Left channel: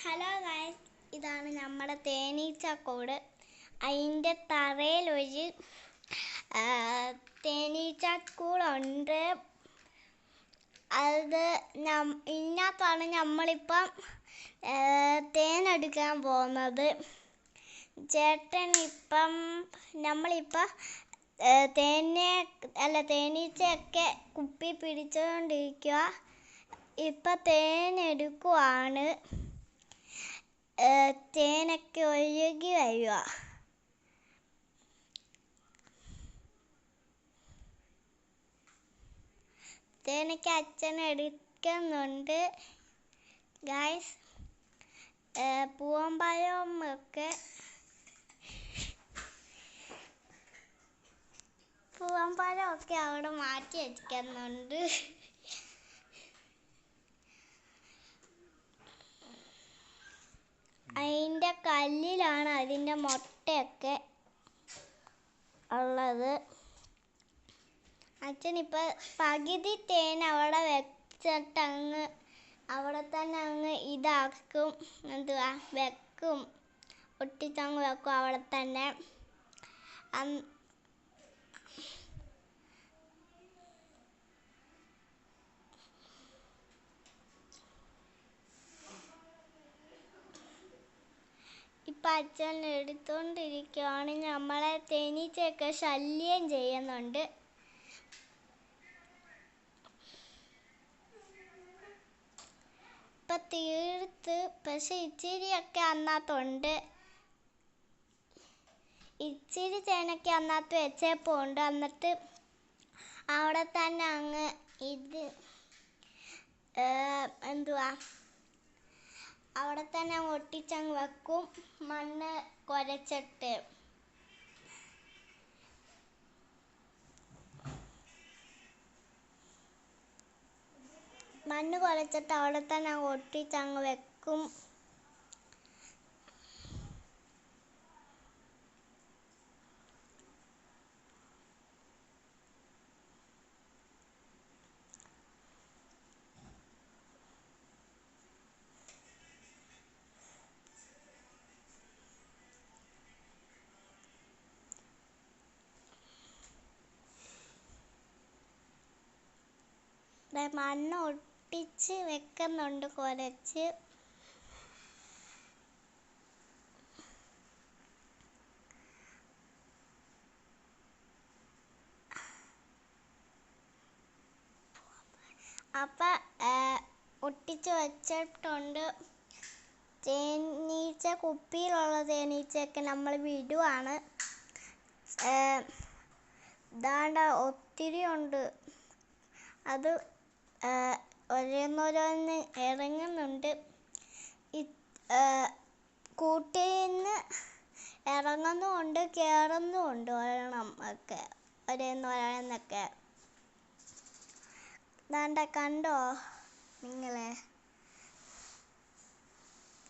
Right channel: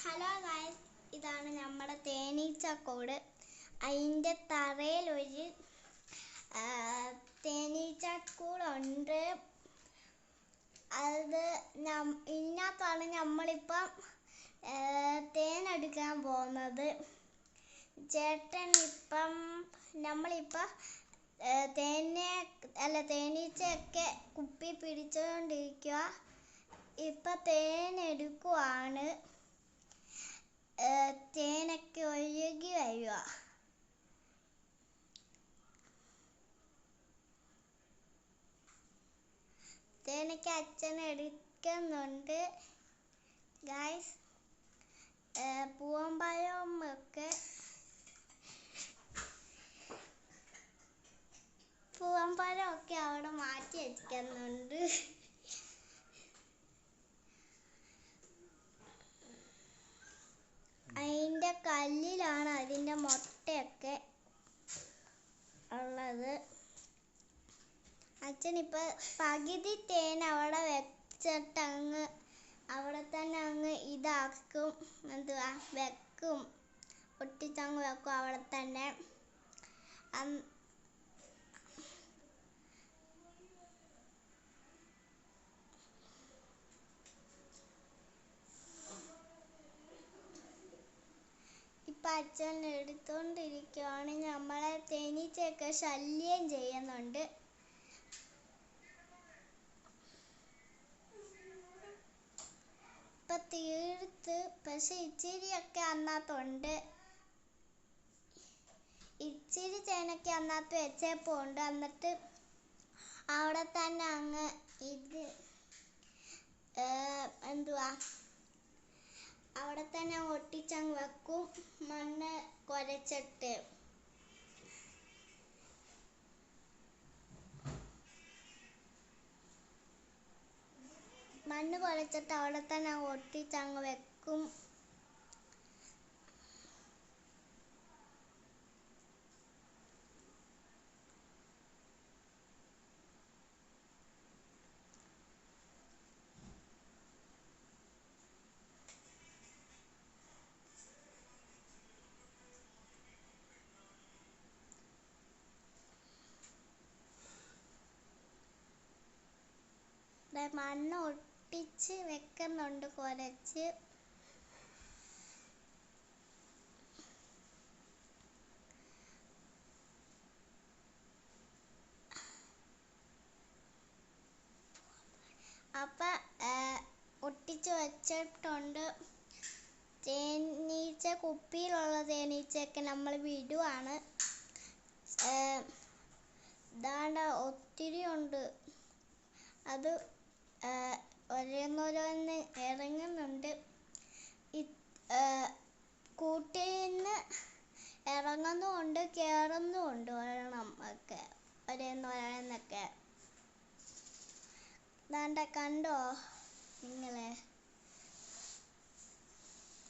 Hello guys, ഇതാണ് നമ്മുടെ തേനീച്ചക്കൂട്. അതിൻ്റെ തറയിലൊരു തേനീച്ചക്കൂടുണ്ട്. അത് ഇതിനകത്താണ് നമ്മളിപ്പം തേനെടുക്കാൻ പോകുന്നത്. നമ്മളിപ്പം തേനീച്ചയൊക്കെ കുപ്പി പിടിച്ചുകൊണ്ടിരിക്കുക. ഇപ്പം തേനെടുക്കുവാണ്. തേനൊക്കെ ഒഴുകി വരിക. തേനൊക്കെ അച്ഛൻ എടുക്കുന്നുണ്ട് ഗൈസ്. പൂവമ്പഴമൊക്കെ അവിടെ മാറ്റി വയ്ക്കുന്നുണ്ട്. അതിൻ്റെ കല്ലിലാണ് അതിൻ്റെ മുട്ടയൊക്കെ ഉള്ളത്. അച്ഛനിപ്പോൾ പകുതി തേൻ അവിടെ വെച്ചിട്ട് അവിടെ തന്നെ ഇതാക്കും. വെക്കും, ഒട്ടിച്ചങ്ങ് വെക്കും അവിടെ തന്നെ. ഇപ്പം അച്ഛൻ എടുത്തോണ്ടിരിക്കുകയാണ്. നമ്മളെ തേനീച്ചയൊക്കെ ശല്യം ചെയ്യുന്നുണ്ട്. ഇപ്പം തീർത്ത്, പക്ഷെ ഇച്ചിരിയൊക്കെ അതിനകത്തുണ്ട്. ഇച്ചിരി തേനൊക്കെ അതിനകത്ത് വെച്ചപ്പോണ്ട്. എന്നിട്ട് അവിടെ തന്നെ അവിടെ തന്നെ ഒട്ടിച്ചങ്ങ് വെക്കും, മണ്ണ് കുഴച്ചിട്ട്. അവിടെ തന്നെ ഒട്ടിച്ചങ്ങ് വെക്കും. മണ്ണ് ഒട്ടിച്ച് വെക്കുന്നുണ്ട് കുഴച്ച്. അപ്പം ഒട്ടിച്ച് വെച്ചിട്ടുണ്ട്. തേനീച്ച കുപ്പിയിലുള്ള തേനീച്ചയൊക്കെ നമ്മൾ വിടുവാണ്. ദാണ്ട ഒത്തിരി ഉണ്ട്. അത് ഓരോന്നോരോന്ന് ഇറങ്ങുന്നുണ്ട്. കൂട്ടിൽ നിന്ന് ഇറങ്ങുന്നുമുണ്ട്, കയറുന്നുമുണ്ട്. ഒരെണ്ണം ഒക്കെ ഓരോന്നോരോന്നൊക്കെ. ദാണ്ട കണ്ടോ നിങ്ങളെ?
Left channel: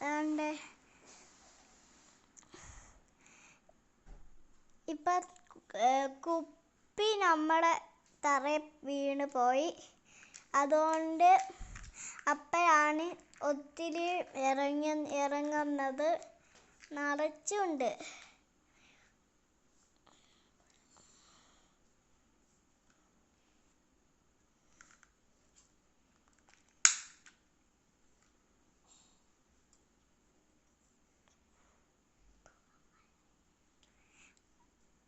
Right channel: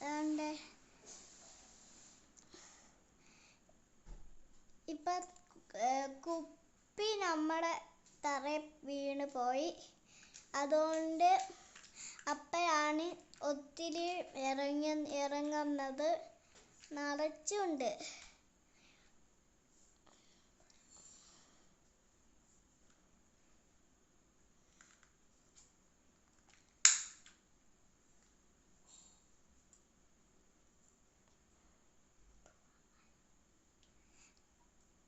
ദാണ്ട് ഇപ്പം കുപ്പി നമ്മുടെ തറയിൽ വീണ് പോയി. അതുകൊണ്ട് അപ്പോഴാണ് ഒത്തിരി ഇറങ്ങുന്നത്. നിറച്ചുണ്ട്.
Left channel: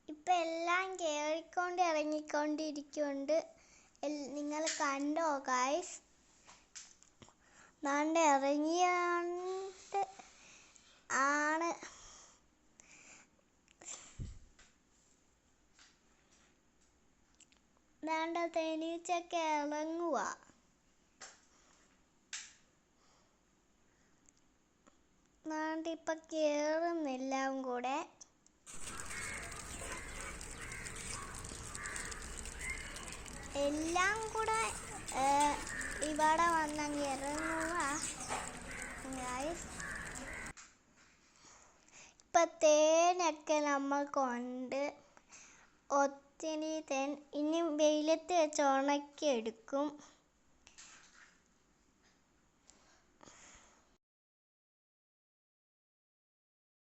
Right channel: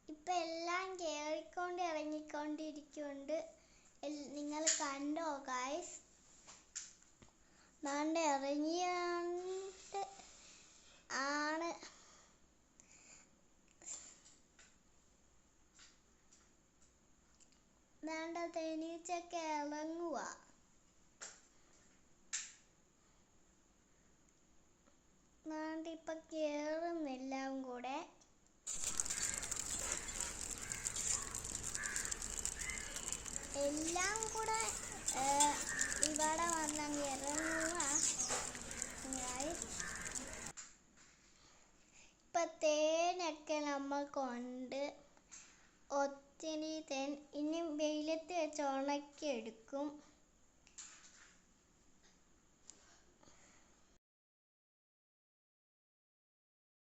ഇപ്പം എല്ലാം ഇറങ്ങിക്കൊണ്ടിരിക്കുന്നുണ്ട്. നിങ്ങൾ കണ്ടോ ഗൈസ്? ദാണ്ട് ഇറങ്ങിയാണ്ട് ആണ്. ദാണ്ട തേനീച്ചയൊക്കെ ഇറങ്ങുക. ദാണ്ട് ഇപ്പം കയറുന്നെല്ലാം കൂടെ. എല്ലാം കൂടെ ഇവിടെ വന്നങ്ങ് ഇറങ്ങുക. ഇപ്പം തേനൊക്കെ നമ്മൾക്കുണ്ട്. ഒത്തിരി തേൻ ഇനി വെയിലത്ത് വെച്ച് ഉണക്കി എടുക്കും.